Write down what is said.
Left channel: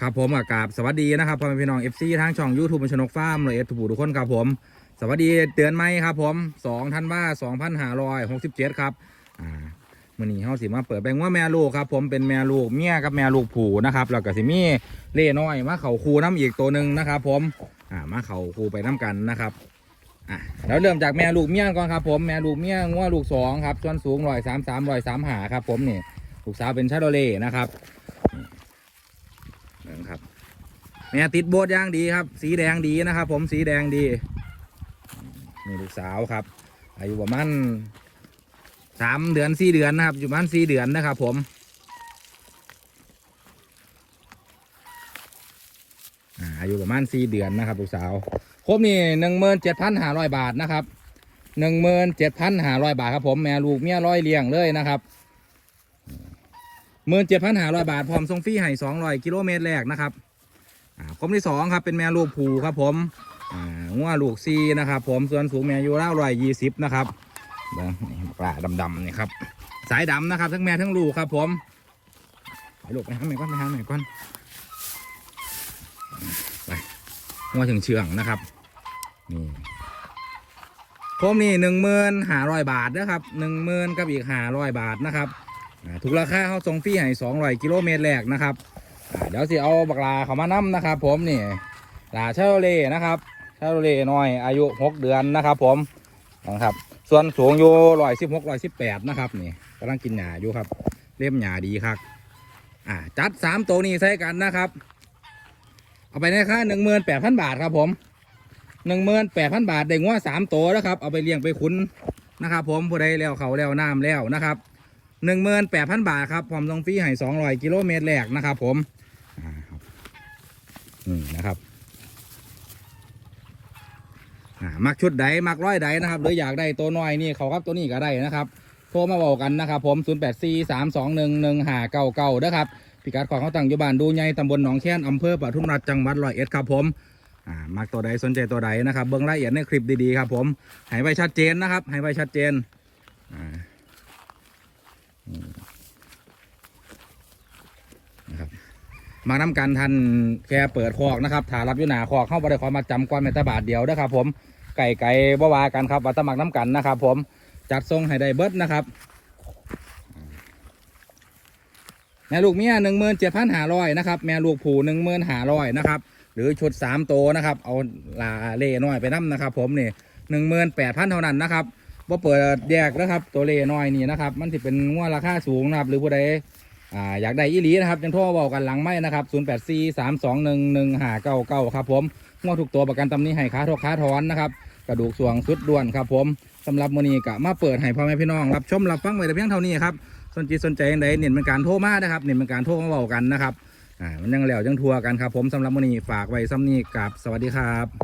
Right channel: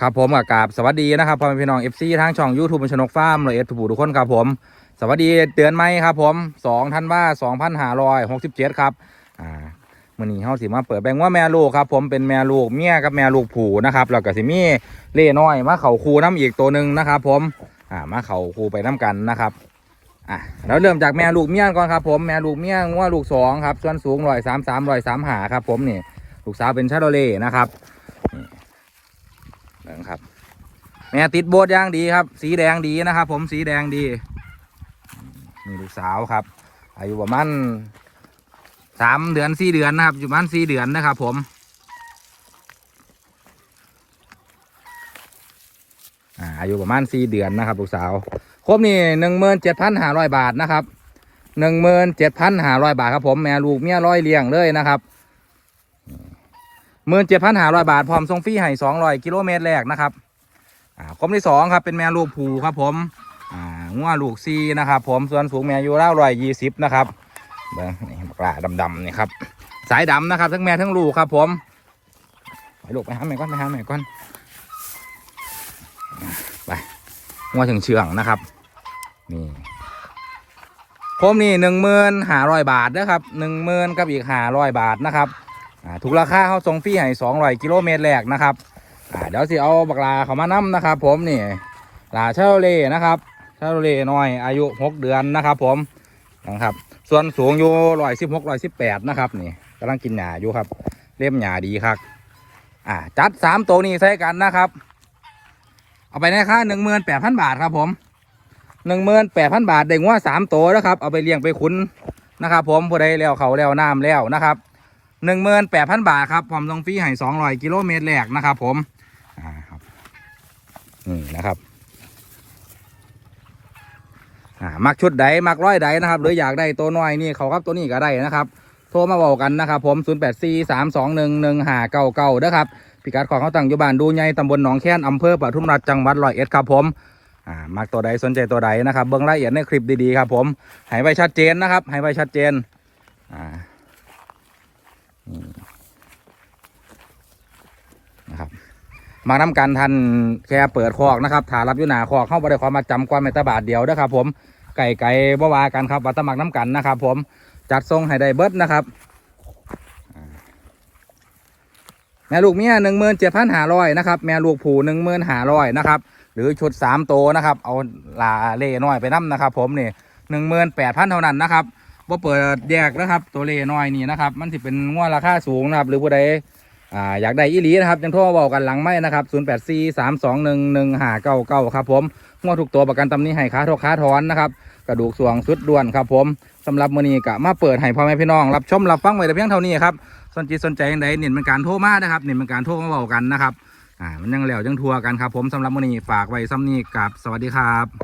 ครับผมกับกาบสวัสดีนะครับพ่อแม่พี่น้องเอฟซีทางช่องยูทูบชนกฟาร์มเลยเอสทูทุกคนครับผม สวัสดีเตือนไหมครับผมสองธันวาสองพันห้าร้อยหกสิบเจ็ดครับอ่ามื่อนี้เฮาสิมาเปิดแบ่งว่าแม่ลูกครับ ผมเป็นแม่ลูกเมียกับแม่ลูกผูนะครับแล้วก็สิมีเล่น้อยมาเข่าคูน้ำอีกตัวหนึ่งนะครับผมอ่ามาเข่าคูไปน้ำกันนะครับอะแล้วเริ่มจากแม่ลูกเมียก่อนครับผมแม่ลูกเมียงัวลูกสองครับส่วนสูงร้อยสามสามร้อยสามหาครับผมนี่ลูกสาวเป็นชาโดเล่นะครับ นะครับ แม่ติดโบสย่างดีครับ สีแดงดีนะครับ ผมสีแดงดีมีลูกสาวครับ อายุประมาณสามเดือนสี่เดือนนะครับอยู่ประมาณสี่เดือนนะครับ ผมอาอายุประมาณสี่เดือนนะครับลูกสาวครบนี่หนึ่งหมื่นเจ็ดพันห้าร้อยบาทนะครับหนึ่งหมื่นเจ็ดพันห้าร้อยบาทครับผมแม่ลูกเมียร้อยเลี้ยงเลยนะครับ หมื่นเจ็ดพันห้าร้อยบาท พร้อมส่งฟรีให้สองร้อยกิโลเมตรแรกนะครับอ่าคมที่สองครับเป็นแม่ลูกผูครับผมอ่างัวลูกซีนะครับผมส่วนสูงแม่อยู่เล่าร้อยยี่สิบนะครับเบิ่งนี่ปลาดำๆนี่ครับสายดำนะครับ ทั้งแม่ทั้งลูกครับผมไปลูกไปหาแม่ก่อนไปหาแม่ก่อนไปงัวถึงเชืองนะครับนี่ผมนี่หนึ่งหมื่นห้าร้อยบาทนะครับหนึ่งหมื่นกับอีกห้าร้อยบาทนะครับ ถูกราคาเขาส่งฟรีให้สองร้อยกิโลเมตรแรกนะครับเดี๋ยวสิเอาบักลาเขามานํนะครับ ผมนี่ลาเชลเล่นะครับเชลเล่น้อยอายุหกเดือนนะครับ ผมนะครับ ส่วนสูงอยู่ร้อยสิบหกร้อยสิบแปดนะครับนี่กำลังกินหญ้าอยู่ครับ เล่มหญ้าดีครับอ่าจัดสามตัวนี้ใส่กันนะครับ เอาไปนะคะหนึ่งหมื่นแปดพันบาทครับผมหนึ่งหมื่นแปดพันบาทได้งัวสามตัวนะครับ เอาไปเลี้ยงไปขุนนะครับ ผมผู้ใดแล้วเขาแล้วน้ำแล้วนะครับ หนึ่งหมื่นแปดพันบาทครับผมส่งฟรีให้สองร้อยกิโลเมตรแรกนะครับ ผมอ่าครับนี่นะครับอ่ามักชุดใดมักร้อยใดนะครับหรืออยากได้ตัวน้อยนี่เขาครับตัวนี้ก็ได้นะครับ โทรมาบอกกันนะครับผม 0 8 4 3 2 1 1 5 9 9นะครับพิกัดของเขาตั้งอยู่บ้านดูใหญ่ตำบลหนองแค้นอำเภอปทุมราชจังหวัดร้อยเอ็ดครับผมอ่ามักตัวใดสนใจตัวใดนะครับเบื้องละเอียดในคลิปดีๆครับผมให้ไวชัดเจนนะครับให้ไวชัดเจน นะครับมานำกันทันแค่เปิดคอกนะครับถารับอยุนาคอกเข้าบริความมาจำความในตบาทเดียวนะครับผมไก่ไก่บ่วากันครับวัตมักน้ำกันนะครับ ผมจัดทรงให้ได้เบิดนะครับแม่ลูกเมียหนึ่งหมื่นเจ็ดพันห้าร้อยนะครับแม่ลูกผูหนึ่งหมื่นห้าร้อยนะครับหรือชุดสามโตนะครับ เอาลาเล่น้อยไปน้ำนะครับ ผมนี่หนึ่งหมื่นแปดพันเท่านั้นนะครับ ว่เปิดแยกนะครับ ตัวเลน้อยนี่นะครับ มันจะเป็นงวดราคาสูงนะครับ หรือผู้ใดอ่าอยากได้อีหลีนะครับยังโทรมาบอกกันหลังไม่นะครับ0 8 4 3 2 1 1 5 9 9ครับผมงวดถูกตัวประกันตำนี้ให้ค้าทกค้าถอนนะครับกระดูกสวงสุดด่วนครับผมสำหรับมือนี้กะมาเปิดให้พ่อแม่พี่น้อง รับชมรับฟังไว้แต่เพียงเท่านี้ครับสนใจสนใจยังไงเน้นเป็นการโทรมานะครับเน้นเป็นการโทรมาบอกกันนะครับอ่ามันยังแล้วยังทัวร์กันครับผมสำหรับมือนี้ฝากไว้ซ้ำนี้กับสวัสดีครับ